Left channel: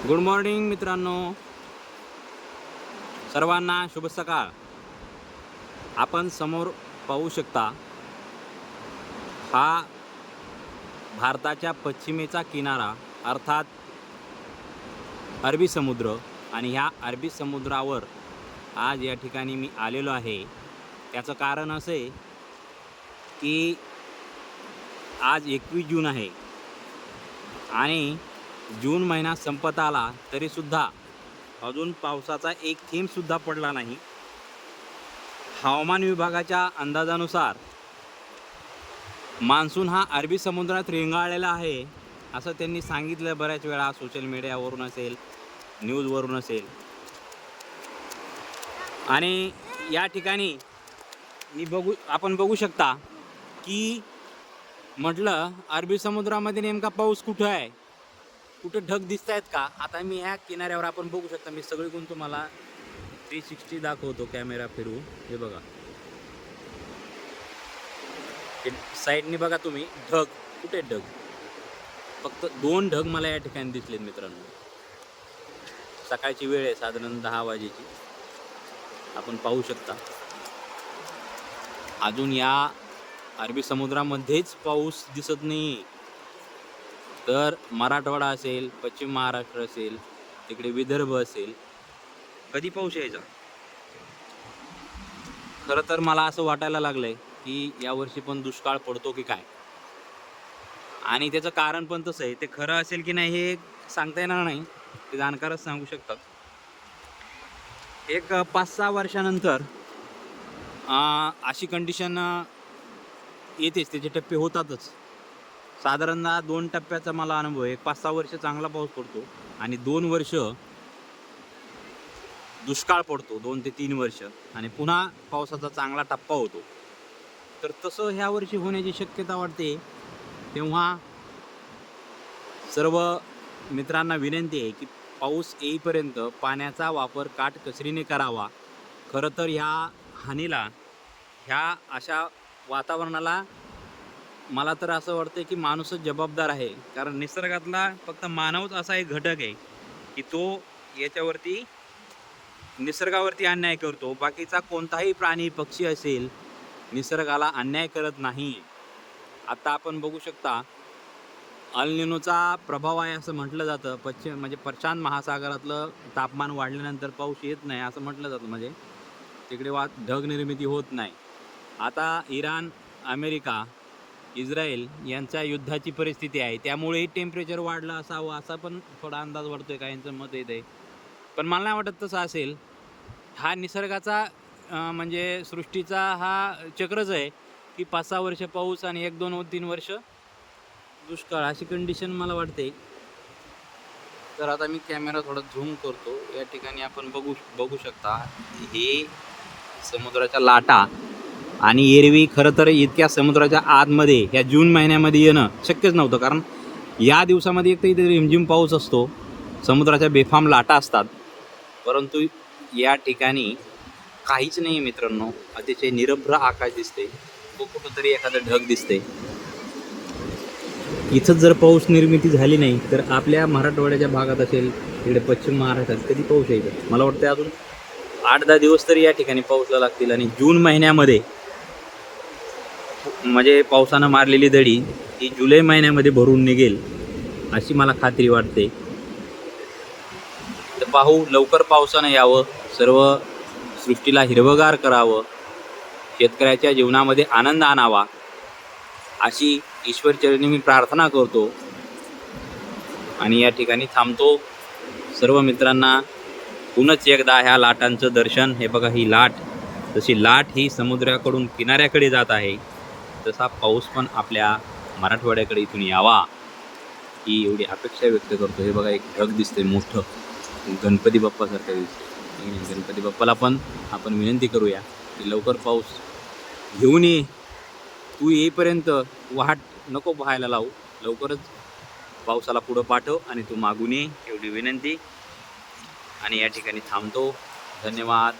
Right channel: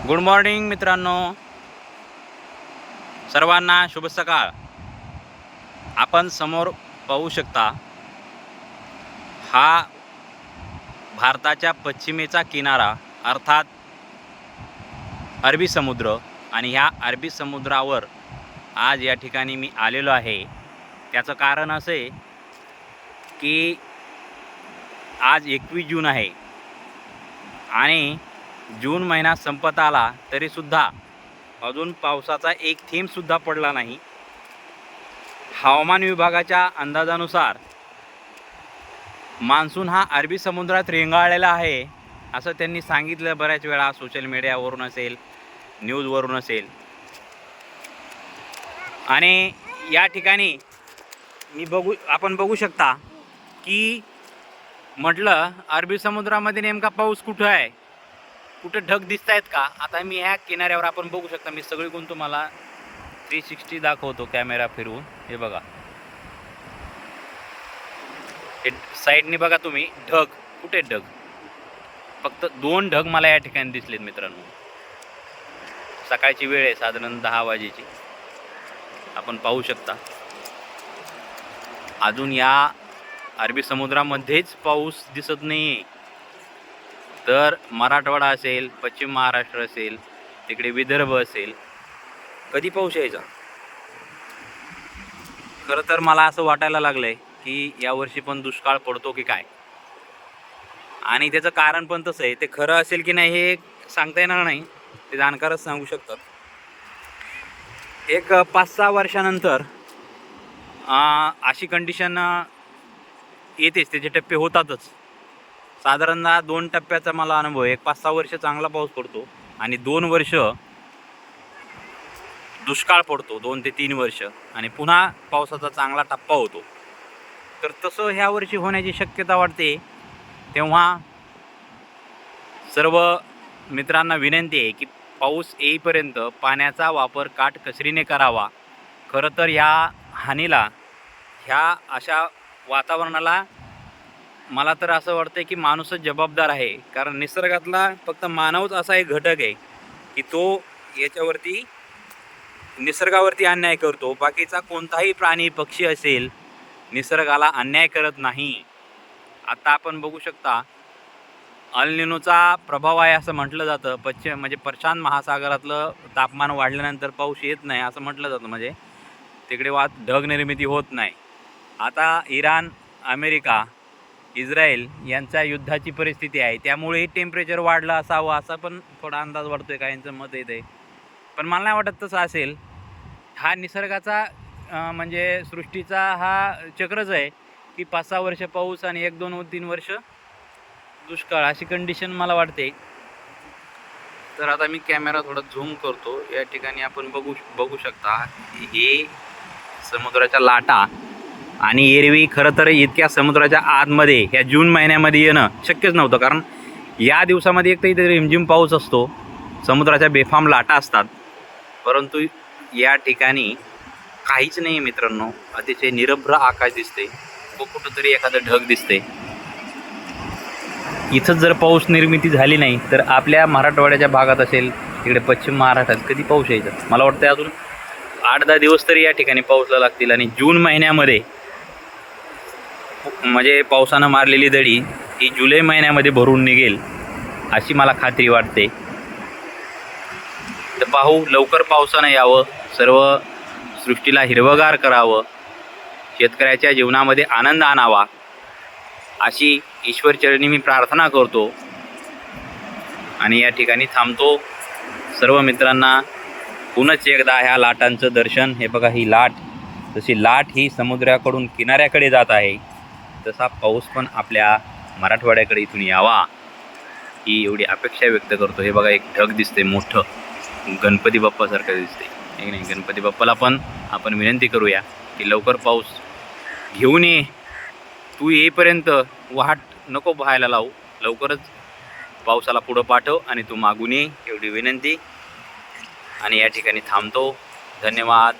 Good morning मित्रांनो, सर्वांना शुभ सकाळ. आपण समोर पाहू शकता, हा भारताच्या पश्चिमेचा किनारा अर्थात अरबी समुद्र. आणि ह्या अरबी समुद्रावर आज या ठिकाणी मी आलेलो आहे. त्याचं कारण असं आहे की आज 21 जून आहे आणि जून महिना संपत आला तरीसुद्धा अजून पावसाचा एक थेंबसुद्धा पडला नाही. हवामान विभागाच्या अंदाजानुसार मान्सून हा अरबी समुद्रात रेंगाळलेला आहे असं त्यांनी सांगितलं बऱ्याच वेळा, सोशल मीडियावरून असेल, न्यूजवरून असेल. आणि या ठिकाणी आपण बघू शकता की म्हटलं अरबी समुद्रामध्ये नेमका पाऊस कुठं आहे, कुठे ढग दिसत आहेत का. आता मी ह्या किनाऱ्यावर आपण बघू शकता, मी सगळीकडून तुम्हाला 360 दाखवतो कॅमेरा फिरवून. हे बघा, हे साईडने बघा तुम्ही, ढग कुठे ढग, फक्त 2 ढग मला या ठिकाणी दिसलेत मित्रांनो. सकाळची वेळ आहे, साधारण 10 वाजेची. आपण पाहू शकता अजून या अरबी समुद्रामध्येच पाऊस दिसत नाही. तर मराठवाडा असेल, पश्चिम महाराष्ट्र असेल, तिकडे विदर्भ असेल, कधी पाऊस यायचा. खरं तर मला असं वाटायला लागलंय की यावर्षी पण दुष्काळ पडतो की काय. आणि त्याचं कारण पण तसं आहे, ते खरं असेल की नाही हे सांगता येणार नाही, ते जाणकारच सांगू शकतात. एक 5-6 वर्षानंतर अशी कंडिशन येतेच, त्याचे टप्पे होतातच. साधारणतः 2 टप्प्याचा मला अनुभव आहे. 5-6 वर्ष चांगला पाऊस पडतो आणि 2 वर्ष दुष्काळ पडतो, 2 ते 3 वर्ष, आणि पुन्हा पावसाचा चांगला टप्पा होतो. तर तसं ह्या वर्षी होण्याची शक्यता वाटते. तेव्हा सर्व मित्रांना विनंती आहे की पाऊस येईपर्यंत पाण्याचा वापर काटकसरीने करावा. खरं तर ह्या हानीला, ह्या अशा वातावरणाला मला तर असं वाटतं की माणूसच जबाबदार आहे. कारण निसर्गातला फक्त मानवच असा एक घटक आहे की तो याच्यावरती, निसर्गावरती अन्याय करतो. बाकीचा कोणताही प्राणी पक्षी असेल निसर्गाला अन्याय करत नाही. आता आपण बघू शकता अल निनोचा प्रभाव आहे असं म्हटलं जातं. म्हणजे प्रशांत महासागरातलं तापमान वाढल्यानंतर पाऊस येत नाही असं म्हटलं जातं. म्हणजे तिकडे ढग निर्मिती होत नाही. आता इराण, अमेरिका, इस्रायल यांच्या युद्धाची परिस्थिती आहे, त्यामुळे टेम्परेचर वाढलं असावं असा पण थोडा अंदाज वाढतोय. काहींचं मत येत आहे, पण मला नाही वाटत तसं असेल. हा निसर्गाचा म्हणजे सृष्टीचा हा चक्रच आहे की 5-6 वर्ष पाऊस आणि 1-2-3 वर्ष दुष्काळ, अशी कंडिशन मला वाटते. तर आता मी कॅमेरा थोडा झूम करतो. या ठिकाणी आपण बघू शकता हे समुद्राच्या लाटा. आणि एरवी खरं तर इतक्या समुद्राच्या आतमध्ये ह्या जून महिन्यामध्ये येणं शक्यच नव्हतं, कारण या दिवसामध्ये एक तर इथे रिमझिम पाऊस असतो, समुद्राच्या बेफाम लाटा असतात. परंतु या ठिकाणी काहीच नाही मित्रांनो. अतिशय निरभ्र आकाश दिसते व कुठंतरी एखादं ढग दिसते. इथंच जर पाऊस निर्मिती झाली नाही तर आपल्या मराठवाड्याच्या भागात असेल, तिकडे पश्चिम महाराष्ट्रात कधी पाऊस यायचा. मला वाटतं अजून 8-10 दिवस तरी या ठिकाणी पाऊसला लागतील. आणि जून महिन्यामध्ये म्हणजे पावसानं मारलेली दडी ही जुलै महिन्यामध्ये भरून निघेल अशी मला खात्री वाटते. तर पाहू, लवकर पावसानं यावं, सर्व सृष्टीला हिरवगार करावं, शेतकऱ्याच्या जीवनामध्ये आनंद आणावा अशी ईश्वरचरणी मी प्रार्थना करतो. आणि या ठिकाणी थांबतो. सर्व मित्रांना पुनच एकदा ह्या लाटांचं दर्शन. हे बघा, ही लाट, जशी लाट ही समुद्राकडून किनाऱ्याकडे जात आहे, तसा पाऊस पण आपल्या मराठवाड्याकडे इथून यावा ही एवढी अपेक्षा व्यक्त करतो. हे बघा, एक ढग दिसते मोठं, गणपती बाप्पासारखं दिसते. ठीक नाही, गणपती बाप्पाला पण आपण विनंती करूया की लवकर पाऊस घेऊन ये. तू येईपर्यंत वाट नको पाहायला लावू, लवकरच पावसाला पुढं पाठव आणि तू मागून ये, एवढी विनंती. आणि या ठिकाणी थांबतो. धन्यवाद.